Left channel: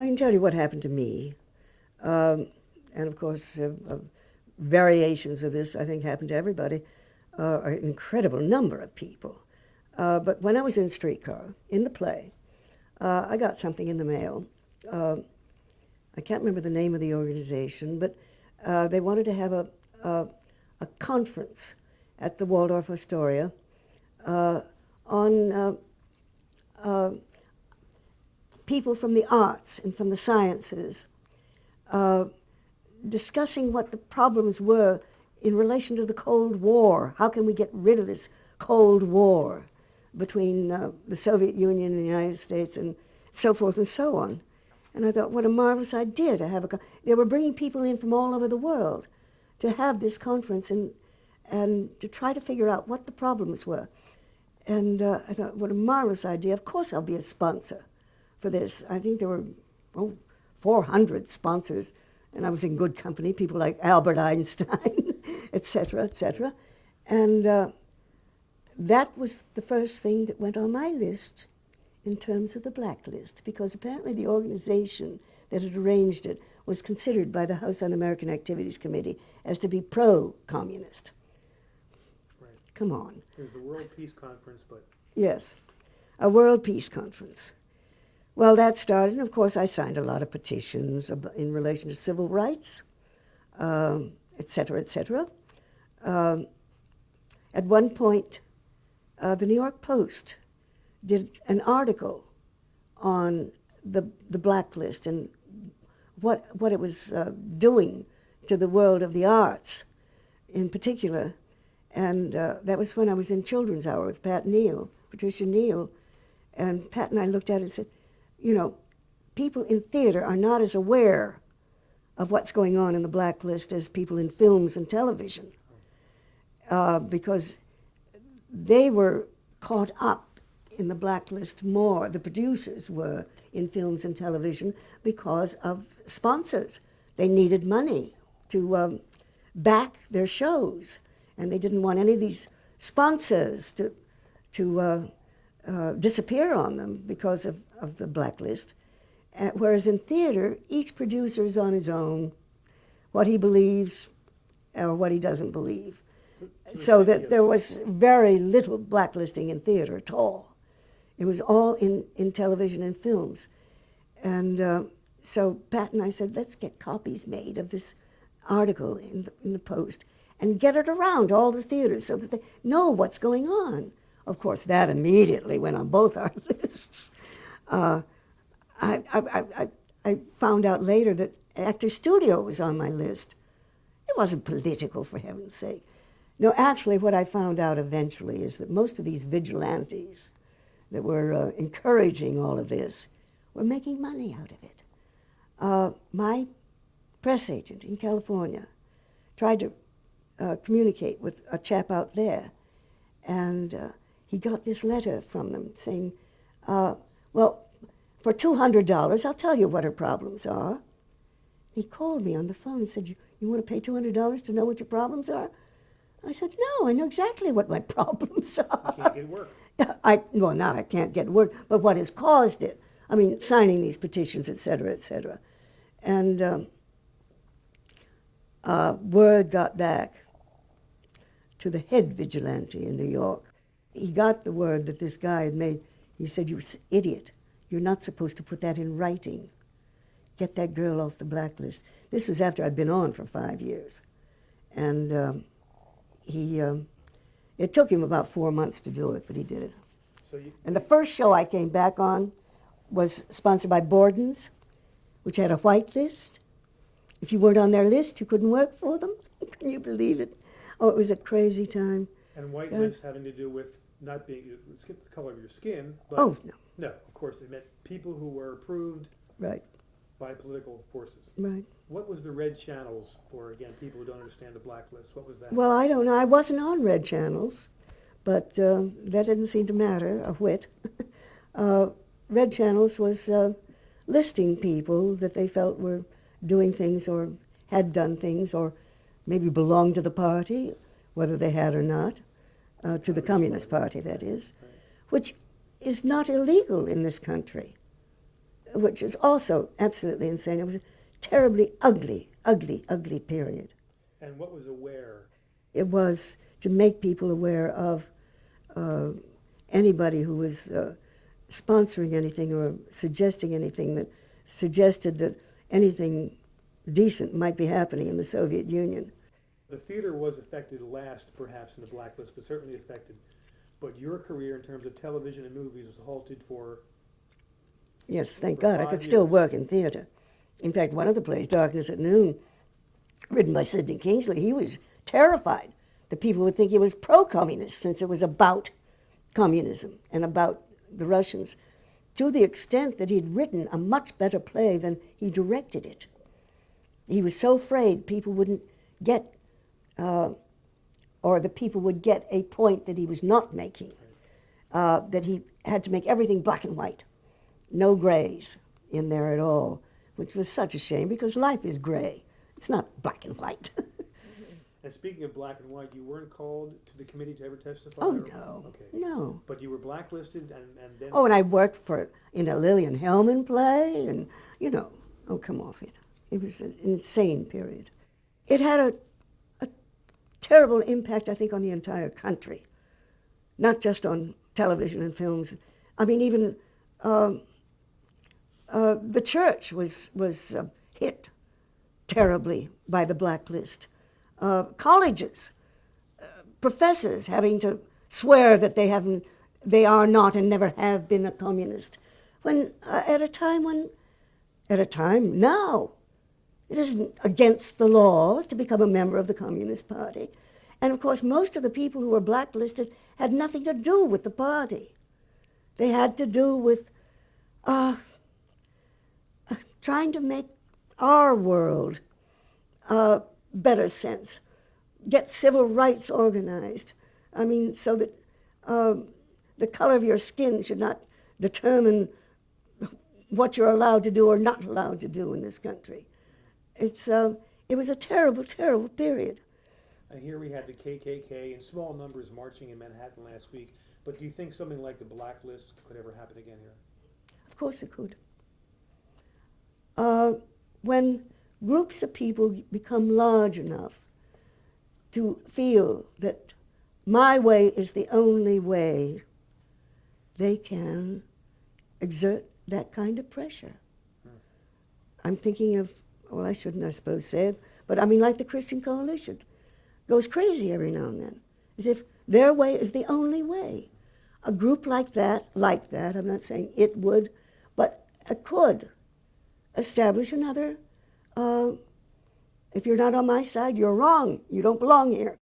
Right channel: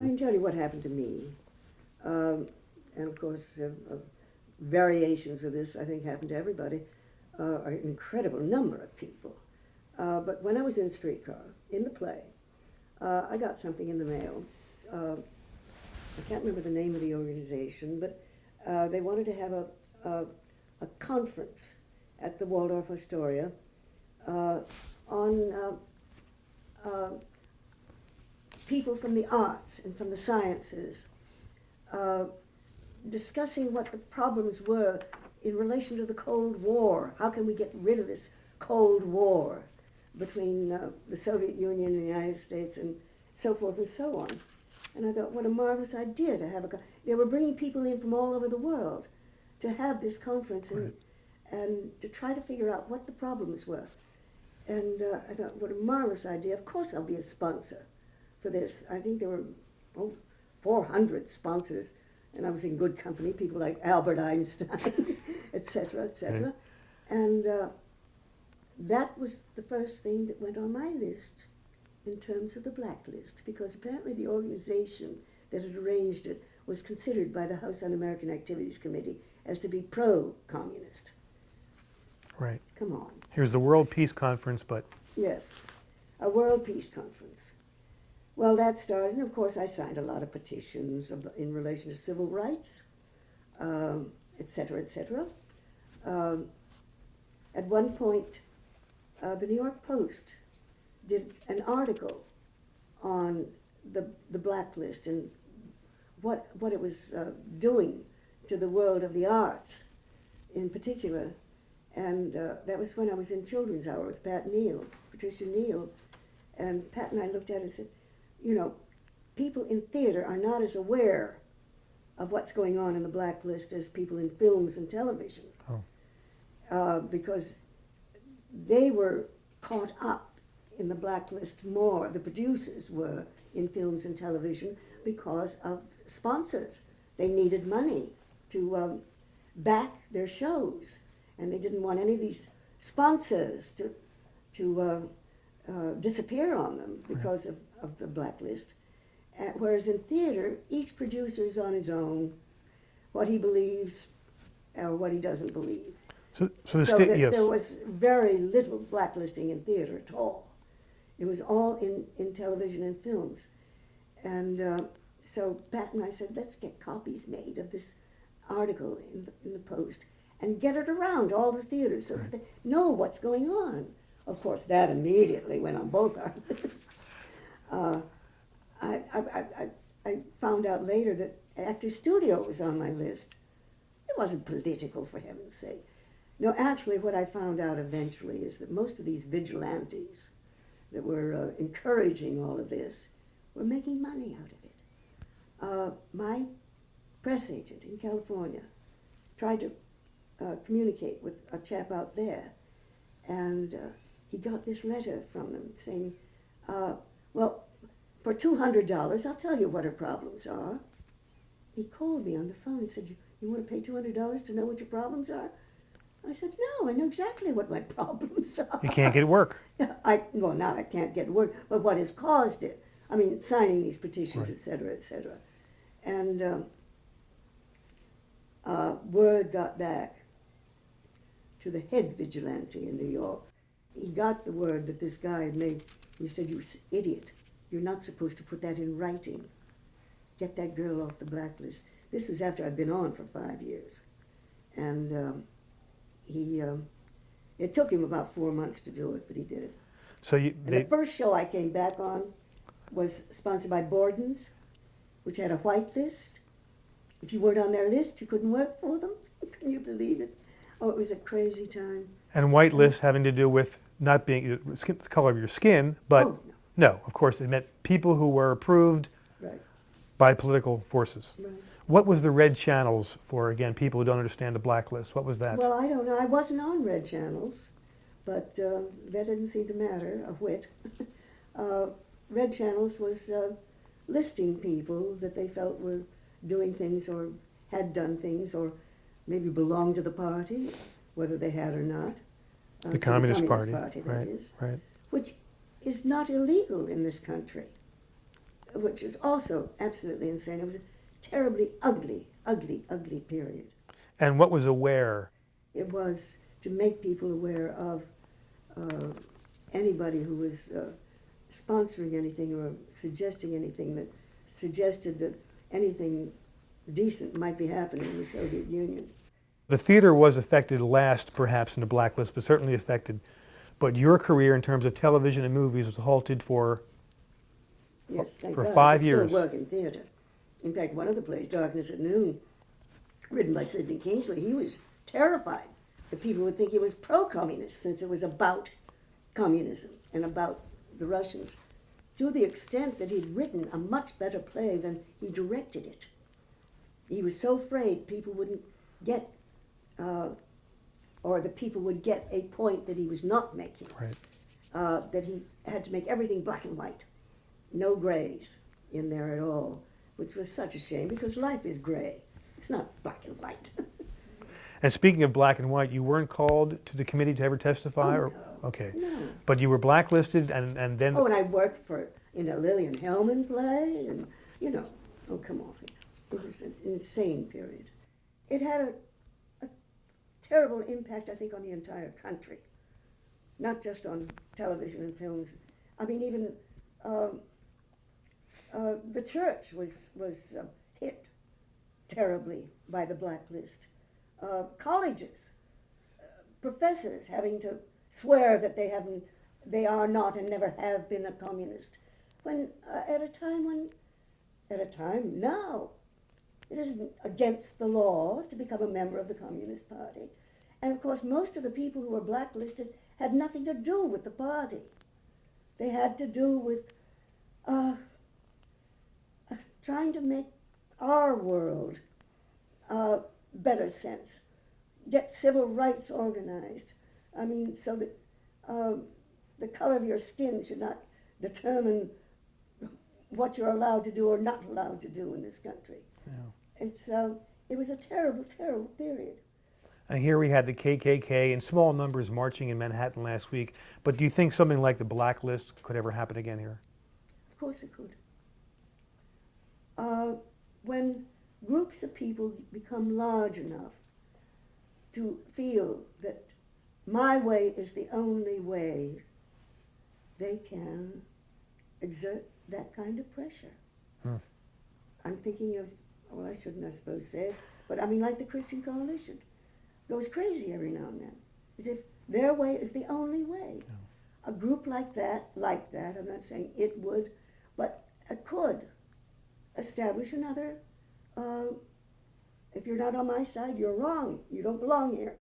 I can tell you what happened to me. And of course, variations of this, I think, happened to everybody, an incredible number of people. But when I was in Streetcar, in the play, I got something in the mail. I can't remember the name of the organization, but they wanted to have a conference at the Waldorf Astoria on people from the arts and from the sciences discussing what the problems were in relation to the Cold War. How can we get rid of this Cold War between the Soviet Union and the United States and so forth and so on. And I thought, what a marvelous idea to have they were bringing people in from all over the world to have this conference and to try to figure out what the problems were. And I thought, what a marvelous idea. Of course I'll be a sponsor for this. I think there were 400 sponsors, and I was in good company, people like Albert Einstein, et cetera, et cetera. Yeah. And that was the first thing that went on my list in terms of the Blacklist, because apparently the organization that had arranged it was considered by the House Un-American Activities Committee as to be pro-communist. Right. Come on. Here's the World Peace Conference, but... Yes, a World Peace Conference. Well, that started, and of course I signed a lot of petitions in relation to civil rights, et cetera, et cetera. At one point, the New York Post did an article on the Blacklist and what it was doing to the world of the arts in particular. And that was when I was in Children's Hour with Patricia Neal. And Pat and I looked at it and said, you know, people in theater are not as aware of what's going on in the Blacklist as people in films and television. Oh. Because they were caught up in the Blacklist more, the producers were in films and television, because of sponsors. They needed money to back their shows, and they didn't want any of these sponsors to disappear on them because of the Blacklist. Whereas in theater, each producer is on his own, what he believes or what he doesn't believe. So that there was very little blacklisting in theater at all. It was all in television and films. And so Pat and I said, let's get copies made of this article in the Post and get it around to all the theaters so that they know what's going on. Of course, that immediately went on both our lists. I found out later that Actors Studio was on my list. It wasn't political, for heaven's sake. No, actually, what I found out eventually is that most of these vigilantes that were encouraging all of this were making money out of it. My press agent in California tried to communicate with a chap out there, and he got this letter from them saying, well, for $200, I'll tell you what her problems are. He called me on the phone and said, you want to pay $200 to know what your problems are? I said, no, I know exactly what my problems are. You can't get work. Well, not I can't get work, but what has caused it. I mean, signing these petitions, right, et cetera, et cetera. And word got back to the head vigilante in New York. He got the word that this guy had made. He said, you idiot, you're not supposed to put that in writing. Get that girl off the Blacklist. This was after I'd been on for 5 years. And it took him about 4 months to do it, but he did it. The first show I came back on was sponsored by Borden's, which had a white list. If you weren't on their list, you couldn't work for them. Can you believe it? Oh, it was a crazy time. And white list having to do with not being the color of your skin, but no, of course, it meant people who were approved by political forces. Right. What was the red channels for, again, people who don't understand the Blacklist? What was that? Well, I don't know. I wasn't on red channels, but that didn't seem to matter a whit. Red channels was listing people that they felt were doing things or had done things or maybe belonged to the party, whether they had or not, to the Communist Party, that is, which is not illegal in this country. which was also absolutely insane. It was a terribly ugly, ugly, ugly period. And what was aware? It was to make people aware of anybody who was sponsoring anything or suggesting anything that suggested that anything decent might be happening in the Soviet Union. The theater was affected last, perhaps, in the Blacklist, but certainly affected. But your career in terms of television and movies was halted for Yes, thank for God. 5 I could still years. work in theater. In fact, one of the plays, Darkness at Noon, written by Sidney Kingsley, he was terrified that people would think he was pro-communist since it was about communism and about the Russians, to the extent that he'd written a much better play than he directed it. He was so afraid people wouldn't get, or the people would get a point that he was not making, Right. that he had to make everything black and white. No grays in there at all, which was such a shame because life is gray. It's not black and white. And speaking of black and white, you weren't called to the committee to ever testify? Oh, or? no. Okay. No. But you were blacklisted and then... Oh, and I worked in a Lillian Hellman play, and, oh, come off it. It was an insane period. It had a terrible impact, I think, on the entire country, not just on television and films. I mean, even the church was hit terribly by the blacklist. Colleges, professors having to swear that they are not and never have been a communist. When at a time now, it isn't against the law to become a member of the Communist Party. And of course, most of the people who were blacklisted had nothing to do with the party. They had to do with trying to make our world better sense, get civil rights organized. I mean, so that the color of your skin should not determine what you're allowed to do or not allowed to do in this country. Yeah. It was a terrible, terrible period. And here we had the KKK in small numbers marching in Manhattan last week. But do you think something like the blacklist could ever happen again here? Of course it could. When groups of people become large enough to feel that my way is the only way, they can exert that kind of pressure. I'm thinking of, well, I shouldn't, I suppose, say it, but I mean, like the Christian Coalition goes crazy every now and then, as if their way is the only way. A group like that, I'm not saying it would, but it could establish another, if you're not on my side, you're wrong. You don't belong here.